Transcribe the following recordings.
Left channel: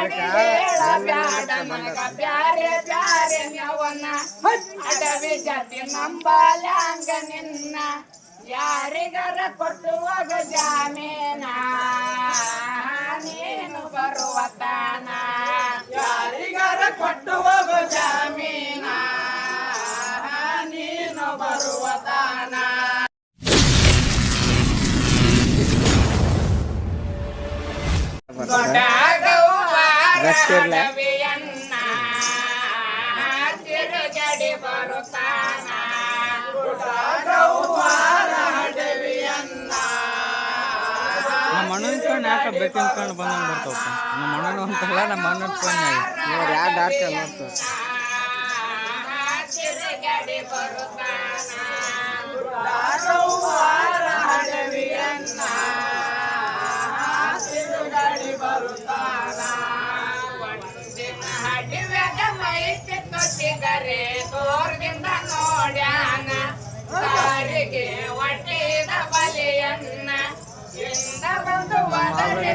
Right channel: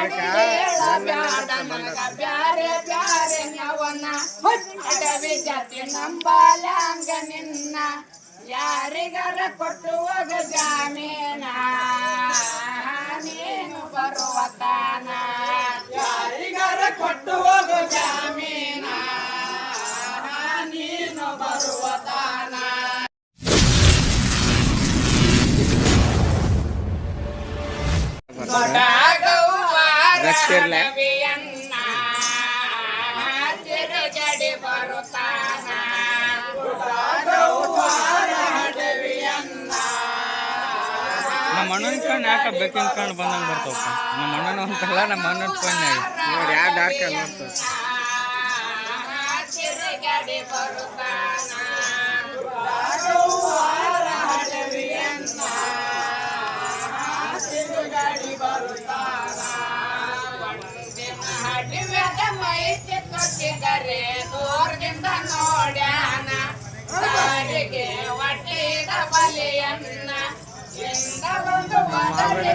ಮಾಡಿ ಹೇಳ ಬ್ಯಾಡ ನನಗ ಬ್ಯಾರೆ ಬ್ಯಾರೆ ನವನ ಅಡವಿ ಜಾತಿ ನಂಬಲ್ಯಾಂಗ ನಿನ್ನ ಯಾರಿಗಾರ ಕೊಟ್ಟು ಹೋಗು ಜಾಮೀನ ನೀನು ಬರುವ ತಾನ ಯಾರಿಗಾರ ಕೊಟ್ಟು ಹೋಗು ಜಾಮೀನ ನೀನು ಬರುವ ತಾನ ರವಿಯನ್ನ ತಿರುಗಡಿ ಬರುತ್ತಾನ ನಮ್ಮ ಅಣ್ಣನ ಕಣ್ಣು ಯಾಕೆ ಬೇಕಿನ ಕಣ್ಣು ಬಂದಂಗೆ ಬರ್ತಾವಪ್ಪ ನಮ್ಮ ಅಣ್ಣನ ಅಂತಲ್ಲ ನಮ್ಮ ಅಣ್ಣನ ಕಣ್ಣಾಗ ನೋಡಿ ಯಾವ ಡಾಕ್ಟರ್ ನೋಡ್ತಾರೆ ತಿರುಗಡಿ ಬರುತ್ತಾನ ತಿರುಗಡಿ ಬರುತ್ತಾನ ಹಡಿವೆದ ಮೈ ಚಿತ್ತಿಗರೆ ದೂರದಿಂದ ನೋಡ್ಯಾನ ಸಾರಿಗೆ ಒಟ್ಟಿದ ಬಲಿಯನ್ನ ಇಂದ ಬಂದು ಒದರಿ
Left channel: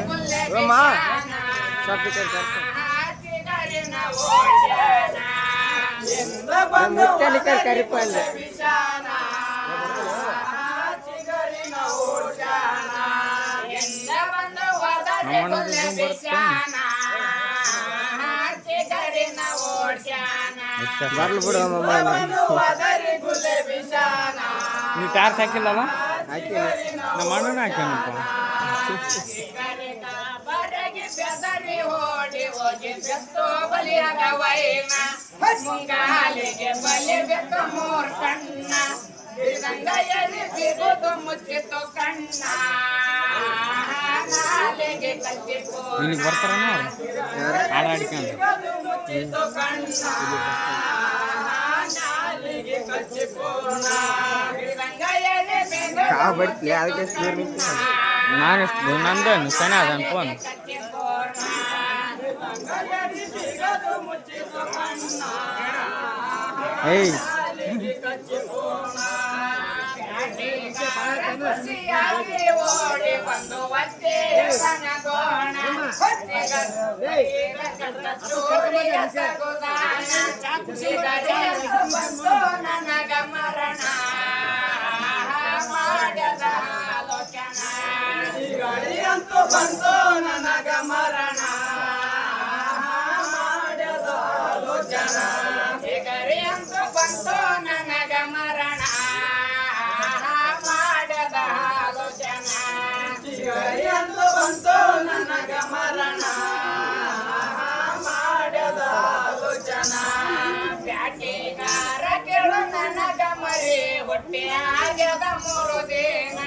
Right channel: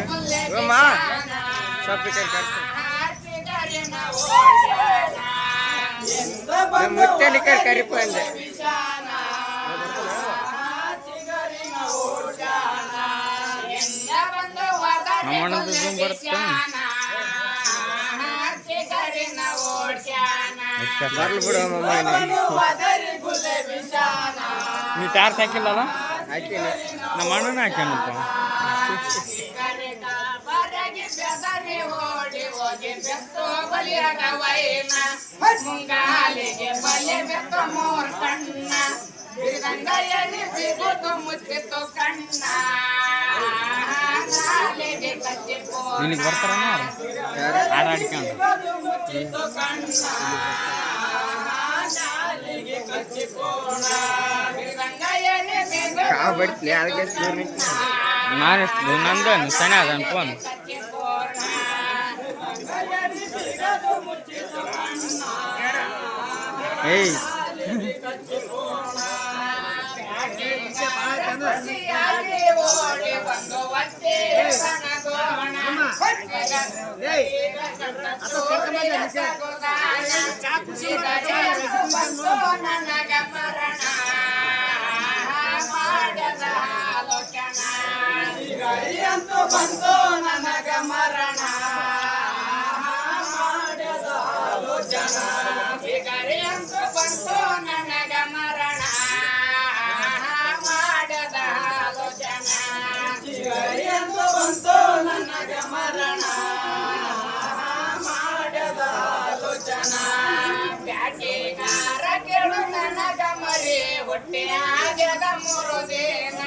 ನೀ ಟಾರ್ಚ್ ಹಾಕಿಲ್ಲವ ನಮ್ಮ ಅಣ್ಣನ ಹಾಕ್ಯಾನಪ್ಪ ಬೆದರಿ ಓಡಿ ಹೋಗಿ ಬೆತ್ತು ಬಲಿಯಾಗ ವೈನ ಮುಂಗಾಲಿಗೆ ಬಲಿ ಬೆತ್ತು ಮೂರ್ ಕಣ್ಣ ಗಂಗೈಯಲ್ಲಿ ಬಿಗುದು ಮುಚ್ಚಿತು ಕಣ್ಣ ನಾಲಿಗೆ ಕಚ್ಚಿಪೋ ನಿನಗೆ ಬರ್ತಾರನ ಹಾಡಾಡ್ಕೊಂಡು ಮುಚ್ಚಿತು ಕಣ್ಣ ನಾಲಿಗೆ ಕಚ್ಚಿಪೋಣ ಗಂಗೈಯಲ್ಲಿ ಬಿಗುದು ನಾನೆಷ್ಟು ನಂದೇನು ಸನಿ ಅದನ್ ಫೋನ್ ಏಯ್ ಓಡಿ ಬಂದು ಒತ್ತೆ ನನಗ ಮರಣ ಮಾಡದ ಆಲೋಚನ ಅಂತೂ ಬಂತು ನನಗ ಮರಣ ಮಾಡದ ಆಲೋಚನ ಗರಿ ಅಂತೂ ಬಂತು ನನಗ ಮರಣ ಮಾಡದ ಆಲೋಚನ ಗರಿ ಅಂತೂ ಬಂತು ನನಗ ಮರಣ ಮಾಡದ ಆಲೋಚನ ಬ್ಯಾಟಿಗಾರ ಕೇಳು ನನಗ ಮರಿ ಹೊಟ್ಟೆ ಆಗ್ಯದ ಮೂರು ದಿನ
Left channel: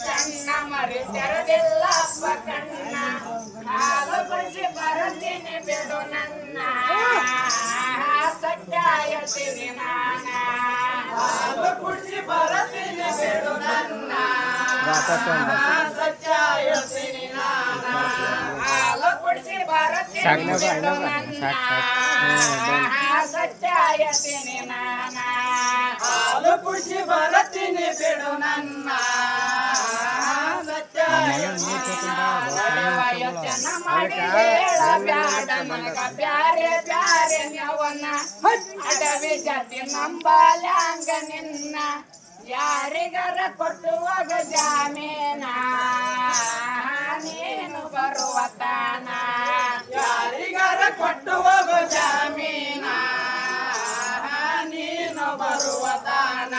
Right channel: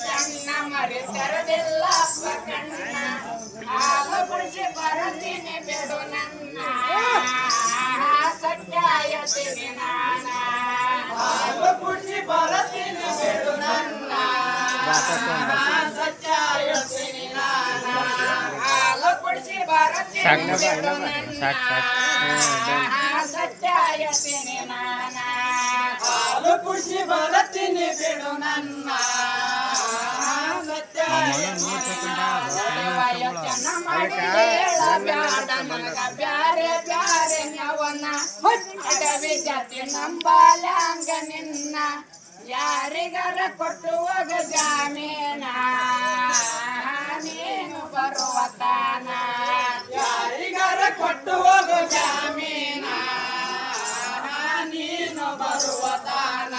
ಕಣ್ಣ ಮರಿ ತೆರೆದಿಲ್ಲಪ್ಪ ಕಣ್ಣ ಹಾಲು ಕುಡಿಸಿ ಬರತೀನಿ ಬಿಡು ನನ್ನ ಸತ್ಯ ಹೇಳ್ತೀನಿ ನಾನ ಹಾಲು ಕುಡಿಸಿ ಬರತೀನಿ ಬಿಡು ನನ್ನ ಸತ್ಯ ಹೇಳ್ತೀನಿ ನಾನ ಹಾಲು ಕುಡಿಸಿ ಬರತೀನಿ ಬಿಡು ನನ್ನ ಸತ್ಯ ಹೇಳ್ತೀನಿ ನಾನ ಹಾಲು ಕುಡಿಸಿ ಬರತೀನಿ ಬಿಡು ನನ್ನ ಯೋಚನ ಮಾಡಿ ಹೇಳ ಬ್ಯಾಡ ನನಗ ಬ್ಯಾರೆ ಬ್ಯಾರೆ ನವನ ಅಡವಿ ಜಾತಿ ನಂಬಲ್ಯಾಂಗ ನಿನ್ನ ಯಾರಿಗಾರ ಕೊಟ್ಟು ಹೋಗು ಜಾಮೀನ ನೀನು ಬರುವ ತಾನ ಯಾರಿಗಾರ ಕೊಟ್ಟು ಹೋಗು ಜಾಮೀನ ನೀನು ಬರುವ ತಾನ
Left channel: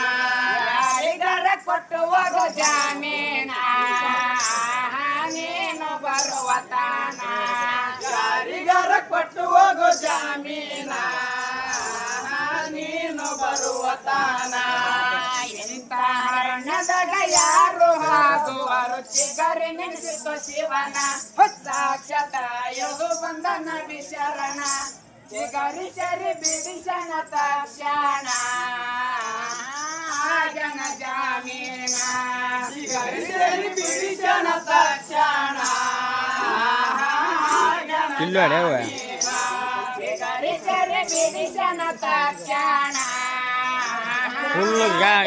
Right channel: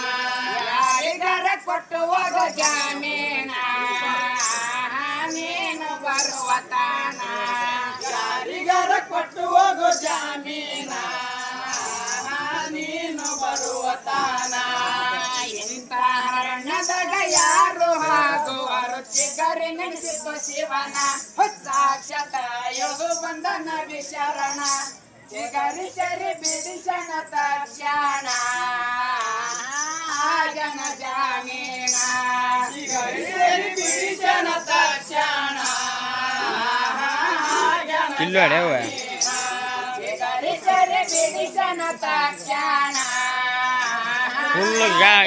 ಯಾರಿಗಾರ ಕೊಟ್ಟು ಹೋಗು ಜಾಮೀನ ನೀನು ಬರುವ ತಾನ ಯಾರಿಗಾರ ಕೊಟ್ಟು ಹೋಗು ಜಾಮೀನ ನೀನು ಬರುವ ತಾನ ಇಂಥ ಹರಣದಾಗ ಯಾರು ಹಾದುವರು ಚಿಗರಿ ನೆನೆಸಿತು ಶಿವನ ಸಾಕ್ಷಾತ್ ಯೋಗ ಬಂಧನ ವಿಶರಣ ಚಿಗರಿ ಸರಿ ಬಿಡಿಸಣ ತಕ್ಷಣ ಜನ ಜಾಮೀನ ಚಿಗರಿ ಸರಿ ಬಿಡಿಸಣ ತಕ್ಷಣ ಚಿಗರಿ ಸರಿ ಬಿಡಿಸಣ ತಕ್ಷಣ ಫುಲ್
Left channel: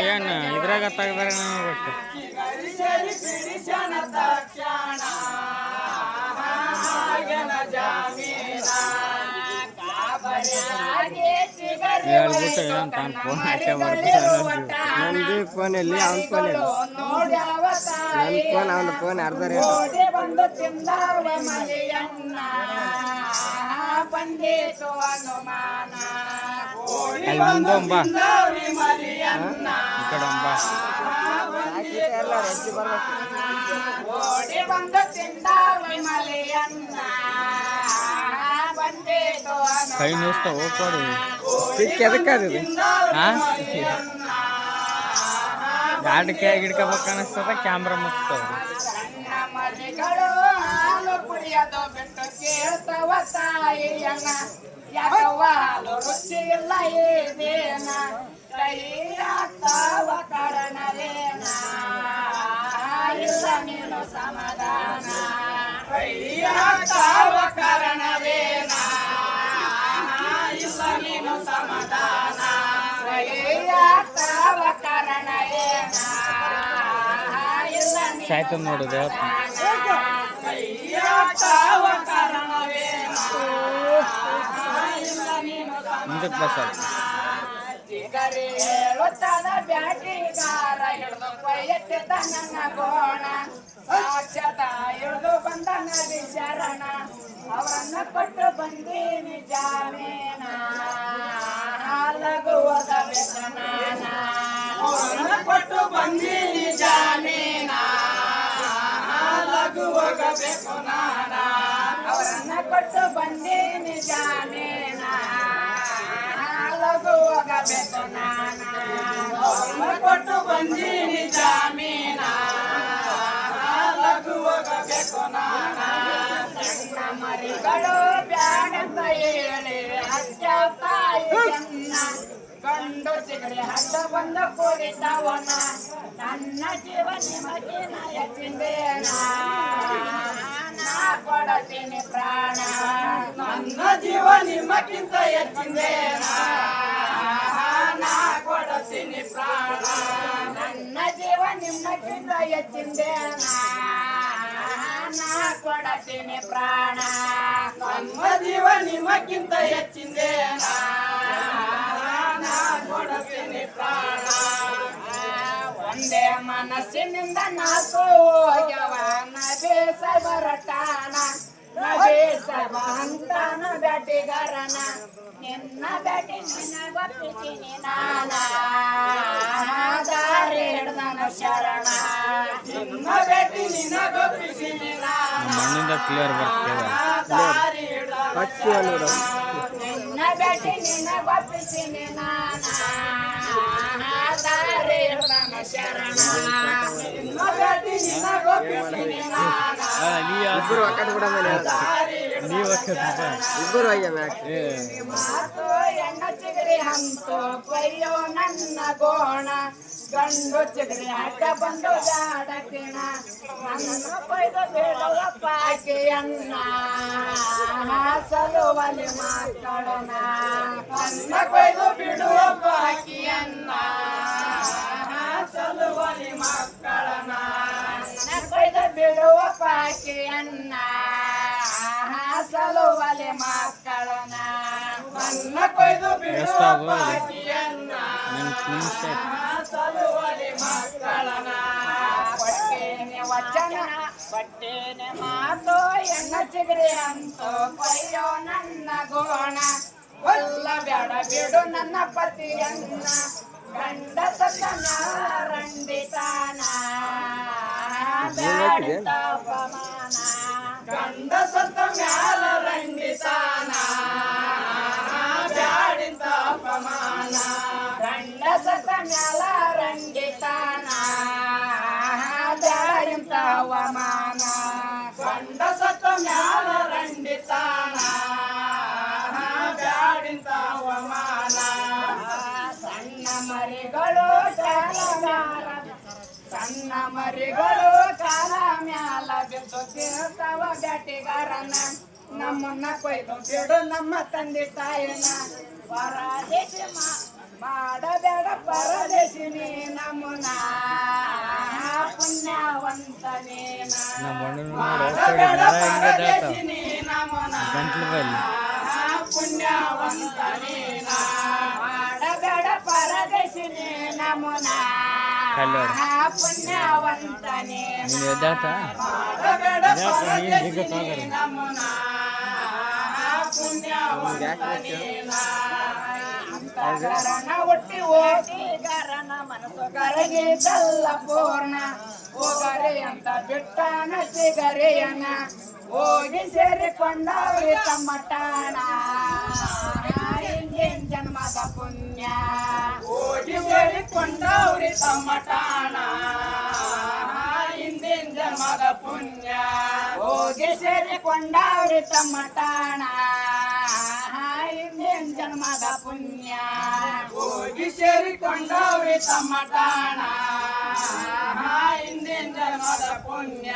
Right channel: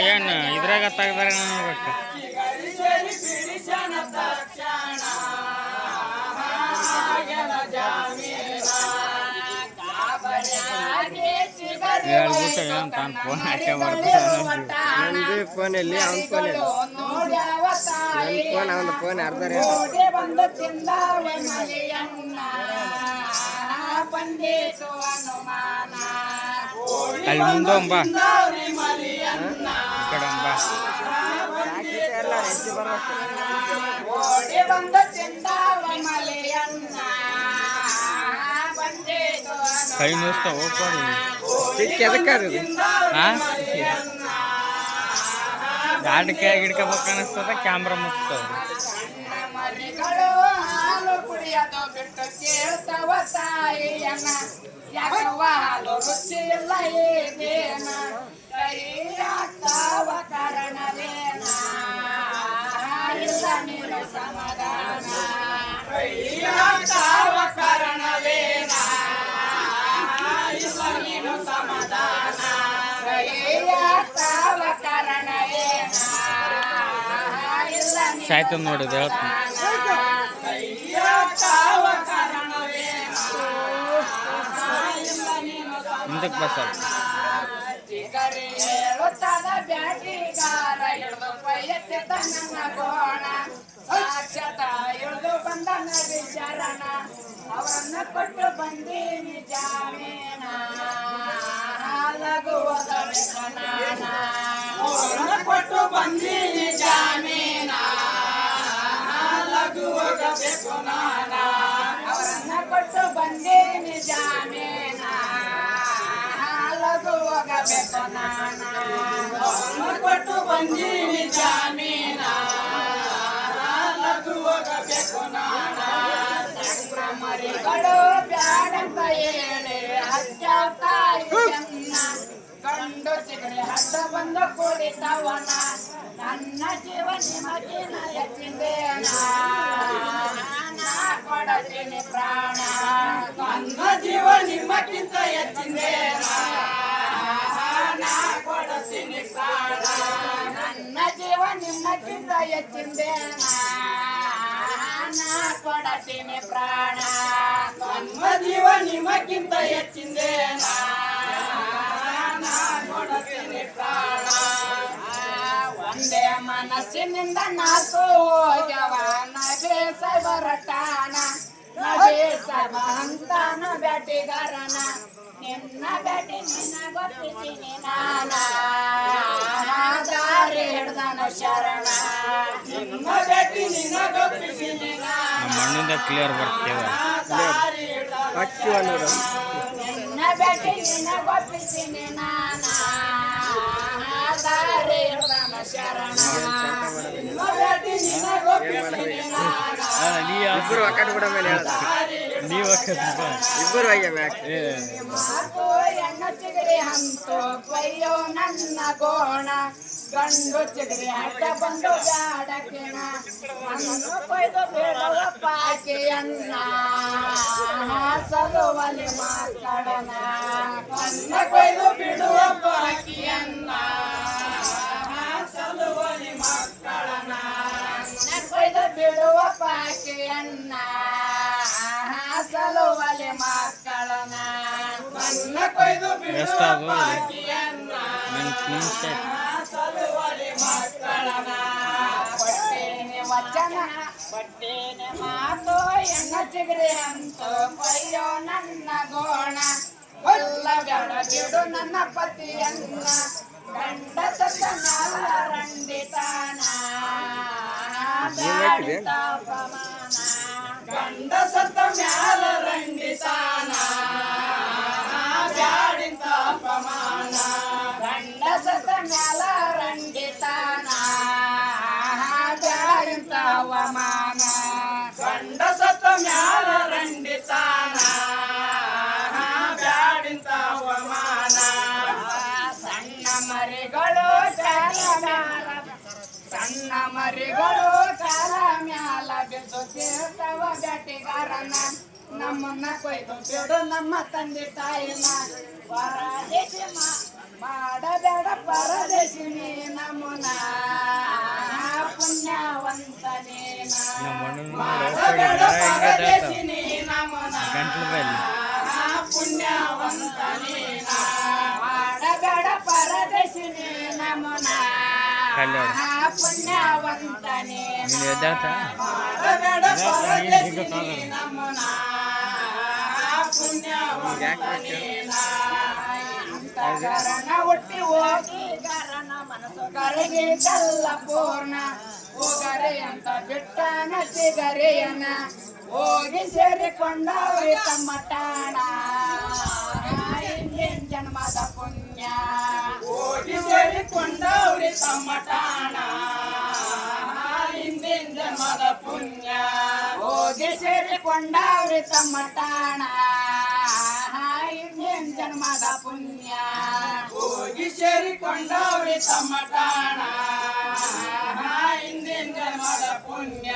ಏನು ಇದ್ರಾಗ ತೆಗ್ದಾರ ನೋಡ್ಬೇಕು ಚಿಗರಿ ಸರಿ ಬಿಡಿಸಣ ತಕ್ಷಣ ಜಾಮೀನ ಗಾಬರಿಯಾಗಿ ಚಿಗರಿ ಹೇಳ್ಬಿಟ್ಟು ಏನು ತಾನು ಫೋನ್ ಹಾಕೇ ಬರ್ತಾನೆ ನಂದು ಫೋನಲ್ಲಿ ಅವ್ನ ಫೋನ್ ನೋಡ್ಯಾವ ತಾಯಿ ಅವನ ಫೋನ್ ಅರ್ಧ ಓಡಿ ಬಂದು ತಿಂದಾವ ಮಲಿಯನ್ನ ಬಂದಿತು ಅನುಮಾನ ಅಲ್ಲಿ ಮುಂದೆ ಬಾ ತಿಂದಾವ್ರಿ ಮಲಿಯನ್ನ ಈ ಕಡೆ ಬಾ ಓಡಿ ಬಂದು ತಿಂದಾವ ಮಲಿಯನ್ನ ಬಂದಿತು ಕೈ ಮುಗಿಸ್ತಾ ಹೋಗ್ಕೊಡಿ ಎದಕ್ಕಾಗದು ಹಾಂ ಗಾಡಿಗೆ ಗಿಡ್ಕೋಬೇಕು ಅನಿಸ್ತದ ಕ್ಯಾಮ್ರಾ ಮುಚ್ತದ ಸಣ್ಣ ಮರಿಗಳು ಹಾಲು ಕುಡಿಯೋದು ಬಿಟ್ಟು ಕೇಳ್ತವ ತಾಯಿಯನ್ನ ಯಾಕವ್ವ ಹಾಲು ರುಚಿ ಇಲ್ಲ ಏನೇನ ಕೈ ಆಗ್ತಾವ ಕಾರಣವೇನ ಇಲ್ಲ ನೀನು ಸಮಾಧಾನ ಕೈ ಆಗ್ತಾವ ಕಾರಣವೇನ ಇಲ್ಲ ನೀನು ಸಮಾಧಾನ ಕೈ ಆಗ್ತಾವ ಕಾರಣವೇನ ಇಲ್ಲ ನೀನು ಸಾಯ್ತದ ನೋಡಿದ ಹೇಳ್ತೀನಿ ಕೈಯಾಗ್ತಾವ ಕಾರಣವೇನ ಇಲ್ಲ ನೀನು ಮುಂದಕ್ಕೆ ಬಸ್ ಚಿಗರಿ ಹೇಳುತ್ತಾದ ಬ್ಯಾಟಿಗಾರ ಹಿಡಿದು ವಯಸ್ಸಿದ ನನ್ನ ಗೋಣ ಸಾಕ್ಷಾತ ಹಿಡಿದು ಬಂದ ನದಿ ಶರಣ ಅವರನ್ನ ಕೊಟ್ಟು ಬಂದೀನಿ ಜಾಮೀನ ಲಘುವದ ವ್ಯಸನಾನ ಅವರನ್ನ ಕೊಟ್ಟು ಬಂದೀನಿ ಜಾಮೀನ ಲಘುವಾಗಬೇಕು ನಾನ ಅವರನ್ನ ಕೊಟ್ಟು ಬಂದೀನಿ ಜಾಮೀನ ಲಘುವಾಗಬೇಕು ನಾನ ಅವ್ರನ್ನ ಕೊಟ್ಟು ಬಂದೀನಿ ಜಾಮೀನ ಲಘುವಾಗಬೇಕು ನಾನ ಸಣ್ಣ ಮರಿಗಳು ಬ್ಯಾಡಂತ ಹೇಳಿ ಹಚ್ಚಾವ ತಾಯಿಯನ್ನ ಗಂಡು ಚಿಗಡಿ ಹಡ್ಡ ಬಂದು ಕುಡಿತವನ ನನ್ನ ಜೀವ ನಿಮಗಿನ ಹೆಚ್ಚಿಂದೇನ ನಾ ಕೊಡತೀನಿ ಪ್ರಾಣ ನನ್ನ ಜೀವ ನಿಮಗಿಂತ ಹೆಚ್ಚಿಂದೇನ ನಾ ಕೊಡತೀನಿ ಪ್ರಾಣ ನನ್ನ ಜೀವ ನಿಮಗಿಂತ ಹೆಚ್ಚಿಂದೇನ ನಾ ಕೊಡತೀನಿ ಪ್ರಾಣ ನನ್ನ ಜೀವ ನಿಮಗಿಂತ ಹೆಚ್ಚಿಂದೇನ ಕೊಡತೀನಿ ಪ್ರಾಣ ಒಂದೇ ಮನಸ್ಸಿನಿಂದ ನಾಲ್ಕು ಹೋಗ್ಯವ ನಬೇಸ ಬರಟಾನ ನಬೇಸ ಬಂತಾನ ಬ್ಯಾಟಿಗಾರನ ನಿನ್ನ ಬ್ಯಾಟಿ ನಿನ್ನ ಗೊತ್ತಿದ್ದೀನಿ ನಾನ ದಾರಿ ಹಿಡ್ದನ ಶರಣ ನಿನ್ನ ಬ್ಯಾಟಿ ನಿನ್ನ ಗೊತ್ತಿದ್ದೀನಿ ನಮ್ಮ ಮಣ್ಣಿಂದ ಕ್ಲಿಯರ್ ಬರ್ತೇವೆ ದಾರಿ ಹಿಡ್ದನ ನಿನ್ನ ಬ್ಯಾಟಿ ನಿನ್ನ ಗೊತ್ತಿದ್ದೀನಿ ನಾನ ದಾರಿ ಹಿಡ್ದನ ಶರಣ ನಿನ್ನ ಬ್ಯಾಟಿ ನಿನ್ನ ಗೊತ್ತಿದ್ದೀನಿ ನಾನ ನೀ ಇಬ್ಬರು ಅಕ್ಕಡ ಕೂಡ ಮೇಲೆ ನೀವು ಇಬ್ಬರು ಆಗ್ಯಾವ ಏ ಮಾತು ಎಣ್ಣ ಚಿಗರಿ ಹಂತು ಕೊಯ್ಯೋ ನನ್ನ ಗೋಣ ಗಂಡು ಚಿಗರಿ ಅಡ್ಡ ಬಂದು ಜಾಡಕಿಣ ನನ್ನನ್ನು ಕೊಯ್ದು ಬೇಡವ ಪಾಕಿಯನ್ನ ಸಲುವಲಿ ಮಕ್ಕಳನ ನನ್ನ ಕೊಯ್ದು ಬಿಡುವ ಪಾಕಿಯನ್ನ ಸಲುವಲಿ ಮಕ್ಕಳನ ನನ್ನ ಕೊಯ್ದು ಬಿಡುವ ಪಾಕಿಯನ್ನ ಸಲುವಲಿ ಮಕ್ಕಳನ ನನ್ನ ಕೊಯ್ದು ಬಿಡುವ ಎಷ್ಟಾಗ್ಬೋದು? ಪಾಕಿಯನ್ನ ನಿಮಿಷ ಸಲುವಲಿ ಮಕ್ಕಳನ ಪಟ್ಟೇನೆ ವಚನ ಪಟ್ಟೇನೆ ಮಾತು ಎಣ್ಣ ಚಿಗರಿ ಅಂತೂ ಕೊಯ್ಯೋ ನನ್ನ ಗೋಣ ಕೊಲ್ಲ ಬೇಡ ಬಿಡು ನನ್ನ ಪತಿಯನ್ನ ಗಂಡ ಸತ್ತ ನ್ಯಾಲ ರಂಡಿತಾನ ಬ್ಯಾಡಿತ ಅಪಮಾನ ಗಂಡ ಸತ್ತ ಮ್ಯಾಲ ರಂಡಿತಾನ ಬ್ಯಾಡಿತ ಅಪಮಾನ ಗಂಡ ಸತ್ತ ಮ್ಯಾಲ ರಂಡಿತಾನ ಬ್ಯಾಡಿತ ಅವಮಾನ ಗಂಡ ಸತ್ತ ಮ್ಯಾಲ ರಂಡಿತಾನ ಬ್ಯಾಡಿತ ಅವಮಾನ ಸಣ್ಣ ಮರಿಗಳು ಕಾಲಗಾರ ಸಣ್ಣ ಮರಿಗಳು ಕಾಲ ಮ್ಯಾಲ ಬಿದ್ದು ಕೇಳ್ತಾವ ಬ್ಯಾಟಿಗಾರನ ನಮ್ಮನ್ನ ಕೊಯ್ದು ಬಿಡು ನಮ್ಮ ತಂದೆ ತಾಯಿನ ಪರದೇಶಿ ಮಾಡಬೇಡ ಪರದೇಶಿನಿ ನಮ್ಮನ ಪುಣ್ಯವಂತನೇನ ನಮ್ಮ ಮಣ್ಣು ಮಾಡಬೇಡ ಪರದೇಶಿನಿ ನಮ್ಮನ ಗಂಟ್ಲು ಬಲ್ಲಿ ಪುಣ್ಯವಂತ ನೀನ ಮಾಡಬೇಡ ಪರದೇಶಿನಿ ನಮನ ಪುಣ್ಯವಂತ ನೀನ ಮಾಡಬೇಡ ಪರದೇಶಿನಿ ನಮನ ಪುಣ್ಯವಂತ ನೀನ ಅಂತಃಕರಣ ಹುಟ್ಟಿ ಹೋಗಿ ಗರನ ಮನಸ್ಸು ಕರಗಿದ್ದಲ್ಲ ಪೂರ್ಣ ಹೋಗರೆ ಅಂತ ಬಿಟ್ಟನ ಚಿಗರೆಯನ ಹೋಗಿ ಸೇರಿಕೊಂಡವ್ರಿ ತಮ್ಮ ಟಾಣ ಹಿಂದಿನ ಜನ್ಮದ ಪುಣ್ಯ ಹೋಗಿ ಸೇರಿಕೊಂಡವ್ರಿ ತಮ್ಮ ಟಾಣ ಹಿಂದಿನ ಜನ್ಮದ ಪುಣ್ಯ ಹೋಗಿ ಸೇರಿಕೊಂಡವ್ರಿ ತಮ್ಮ ಟಾಣ ಹಿಂದಿನ ಜನ್ಮದ ಪುಣ್ಯ ಹೋಗಿ ಸೇರಿಕೊಂಡವ್ರಿ ತಮ್ಮ ಟಾಣ ಹಿಂದಿನ ಜನ್ಮದ ಪುಣ್ಯ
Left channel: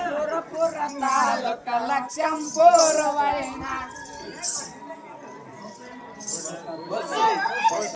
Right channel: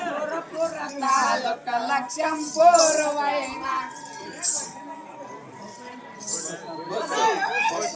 ಸುರಪುರ ತಾಲೂಕ ಲಕ್ಷಂಪುರ ವೈನ